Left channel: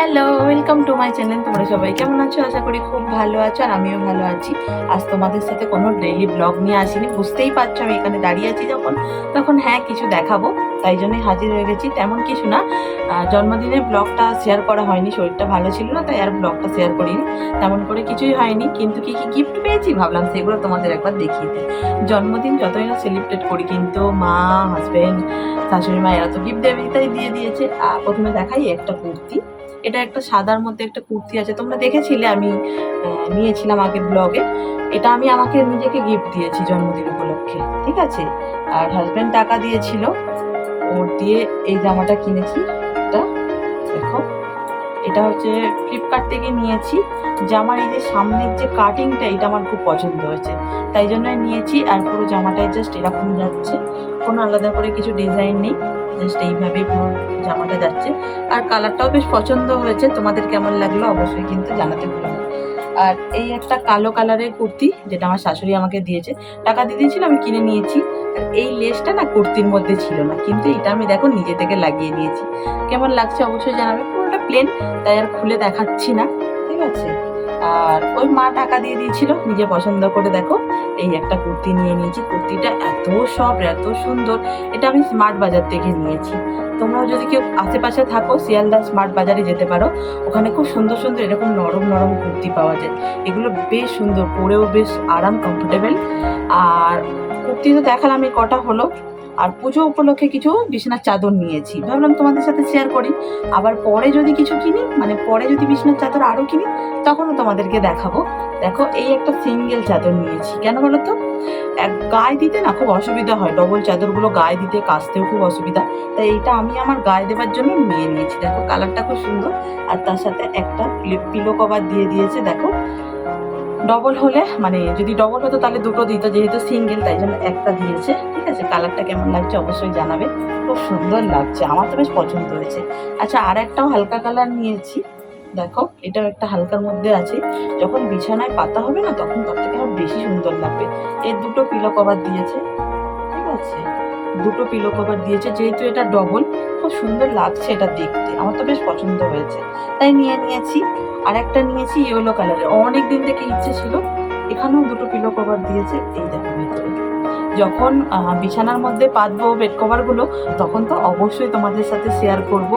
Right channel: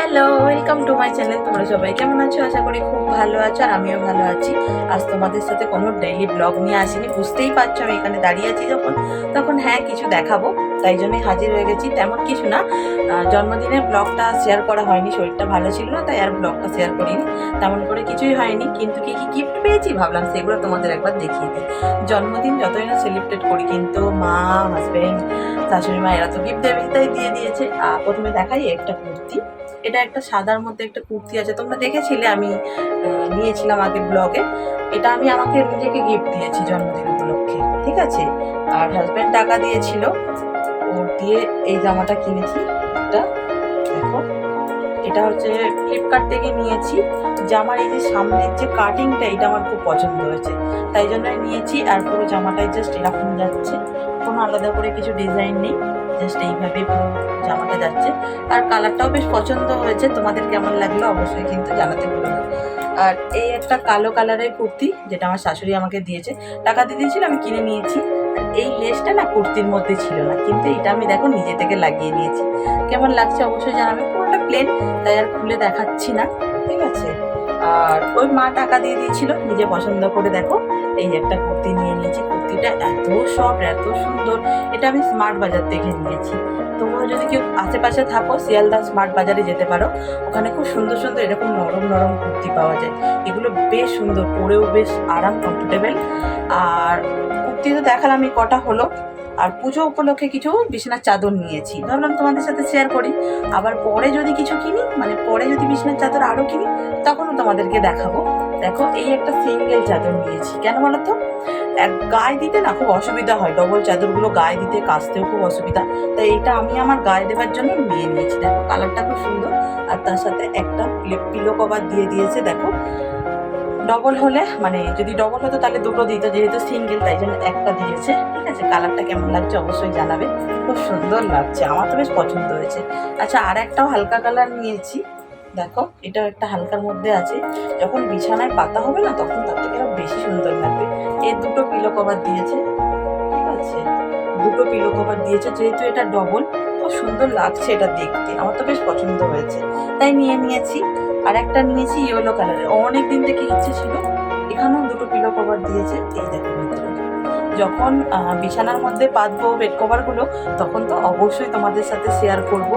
Hello welcome to my channel তোমরা সবাই কেমন আছো? আশা করি খুব ভালো আছো আর আমিও ভালো আছি। আজ তোমাদের সাথে কোনো ডেইলি ব্লগ নিয়ে আসিনি। বুঝতেই পারছ আমি এখানে দাঁড়িয়ে আছি যখন। তখন হ্যাঁ কিছু দেখাবো। তাই জন্যই হাজির হয়ে গেছি। তেমন কিছু না। জন্মদিনের ব্লগটা শেয়ার করা হয়নি। শরীরটা ভালো ছিল না, তাই আর ব্লগটা শেয়ার করিনি। তেমন করে কিছুই হয়নি। কিন্তু কি কি গিফট পেয়েছি? ভাবলাম সেগুলো তোমাদের একবার দেখিয়ে দিই। জন্মদিন যতই না সেলিব্রেট করি, কিন্তু মা হাজব্যান্ড শাশুড়ি মা এরা তো গিফট দেবে তাই দিয়ে দিয়েছে। প্রথমে দেখাই একটা কুর্তি। এটা একটা সাদার মধ্যে একটা কুর্তি আছে। তোমরা দেখেছিলে আমি নিয়েছিলাম আগের ব্লগে। এটা আমি আমাকে নিজেকে গিফট দিয়েছি জন্মদিন উপলক্ষে, ঠিক আছে? আর হাজব্যান্ড টাকা দিয়েছিল। ওর দিয়ে এই জামাটা কিনেছি। এটা দেখো, এটা হচ্ছে ফ্লিপকার্ট থেকে নিয়েছি। জামার এই যে সামনের যে কাটিংটা এটা আমার খুব পছন্দ হয়েছে। তাই জন্য নিয়েছি আর পুরো জামাটাই জাস্ট এরকম যাচ্ছে। কোনো আলাদা করে কিছু ডিজাইন নেই। জাস্ট এইভাবেই পুরো জামাটা যাচ্ছে। আর কালারটাও বেশ পছন্দ হয়েছে। তোমাদের কেমন লাগল অবশ্যই কিন্তু জানাতে না। আর এই একটা কালো কালারের কুর্তি যেটা আমার শাশুড়ি আমাকে দিয়েছে, টাকা দিয়ে দিয়েছিল, আমি কিনে নিয়েছি। আর এই লেসটা না কুর্তির মধ্যে ছিল না, কিন্তু এটা আমি দেখো নিজে থেকে লাগিয়ে নিয়েছি। কেমন লাগছে অবশ্যই জানাবে। পুরোটা প্লেন তাই আর খুলে দেখাচ্ছি না। আর ওই মা টাকা দিয়ে দিয়েছিল, নিজে পছন্দ করে দেখো। এই একটা কুর্তি নিয়ে নিয়েছি, কুর্তিটা এত সফট এত সুন্দর। এটা আমি স্মার্ট বাজার থেকে নিয়েছি। তোমরাও যদি কেউ আশেপাশে থাকো, শিয়ালদা স্মার্ট বাজারে যেতে পারো, ওখানে খুব সুন্দর সুন্দর এরকম নরম নরম কুর্তি পাওয়া যায়। এগুলো বেশ সুন্দর, পরেও বেশ আরাম কমফোর্টেবল আর কুর্তি তো দেখালাম, এই কটা হলো। আর পুজো উপলক্ষে কিছু বিছানার চাদর নিয়েছি। ভাবলাম তোমাদের সাথে শেয়ার করি। আবার পরে যদি কিছু কিনি মানে পরে যদি বিছানার চাদর আরও কিনি, তখনও তোমাদেরকে দেখাবো। দেখো, এই একটা সিঙ্গেল চাদর নিয়েছি। কেন বলো তো এক গায়ে দিতে না খুব অসুবিধা হয়। ডবল চাদরগুলো গায়ে দিতে, কাচতেও খুব অসুবিধা। তাই এইটা আমি আমার গায়ে দেবার জন্য নিয়ে নিয়েছি। দেখো কালারটা খুব সুন্দর। আর তার সাথে একটা পিলো কভার দিয়ে দিয়েছে, দেখো। ডবল হলে মানে যদি ডবল হতো তাহলে দুটো দিত, যেহেতু সিঙ্গেল তাই জন্য একটা দিয়েছে, ঠিক আছে? কালারটা কেমন লাগছে অবশ্যই জানাবে। খুব সুন্দর লাগছে, আমার তো বেশ পছন্দ হয়েছে। আচ্ছা আর একটাও হালকা কালার নিয়েছি। দেখো, এটাও একটা হালকার মধ্যে আছে। যখন বিছানায় পাতা হবে না, তখন তার থেকে আরও বেশি সুন্দর লাগবে। এর দুটো পিলো কভার দিয়েছে। আছে। দুটো পিলো কভার দিয়েছে, যেহেতু এটা ডবল খুব সুন্দর লাগছে এটা দেখতে। আমার তো বেশ পছন্দ হয়েছে। তাই নিয়ে নিয়েছি। আর একটা নিয়েছি ইয়েলো কালারের অনেক দিন থেকে ইচ্ছে ছিল, এখানেও দুটো পিলো কভার দিয়েছে, এই দেখো ভেতরে। যখন বিছানার মধ্যে পাতবো বেড কভারগুলো তখন তো অবশ্যই তোমাদের সাথে শেয়ার করব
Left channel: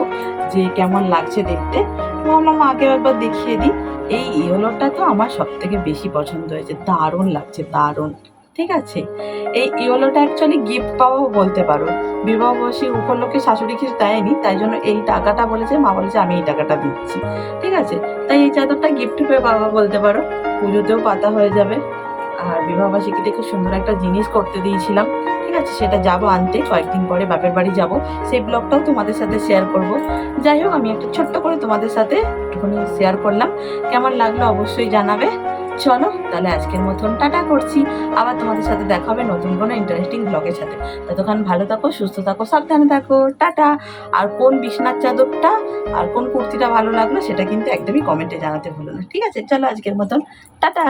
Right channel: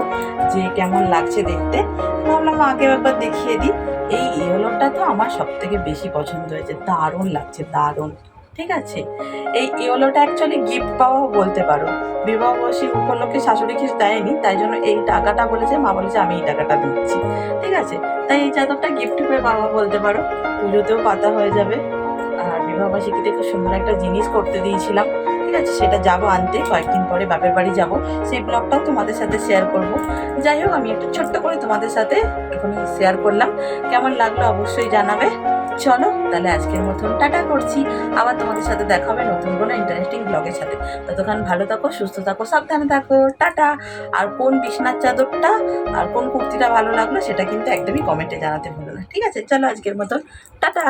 যে কেমন লাগছে দেখতে। ভাবলাম আগেও একবার দেখিয়ে দিই। এই ইয়েলোটা তো আমার সব থেকে বেশি পছন্দ হয়েছে। দারুণ লাগছে, দারুণ। ঠিক আছে? এই ইয়েলোটা অ্যাকচুয়ালি গিফট পাওয়াও বলতে পারো। বিবাহবার্ষিক উপলক্ষে শাশুড়ি কিছু দেয়নি, তাই জন্য এই টাকাটা বলেছে, মা বলেছে, আমি এই টাকাটা দিচ্ছি। ঠিক আছে? তাই এই চাদরটা গিফট পেয়ে পাওয়া বলতে পারো। পুজোতেও পাতা হয়ে যাবে। আর বিবাহবার্ষিকীতে খুব সুন্দর একটা জিনিস করতে দিয়েছিলাম। ঠিক আছে? সেটা যাব আনতে। কয়েকদিন পরে বাপের বাড়ি যাব। সেই ব্লগটাও তোমাদের সাথে শেয়ার করব। যাই হোক, আমি একটা ছোট্ট করে তোমাদের সাথে একটুখানি শেয়ার করলাম। কেমন লাগল অবশ্যই জানাবে। চলো, তাহলে আজকের মতন টাটা করছি। আবার তোমাদের সাথে দেখা হবে নতুন কোনো ইন্টারেস্টিং ব্লগের সাথে। ততক্ষণ ভালো থাকো, সুস্থ থাকো, সাবধানে থাকো। টাটা। আর কোন বিছনার চাদরটা আর কোন কুর্তিটা ভালো লাগল সেটা কিন্তু একদমই কমেন্টে জানাতে ভুলো না। ঠিক আছে, চলো আজকের মতন। টাটা।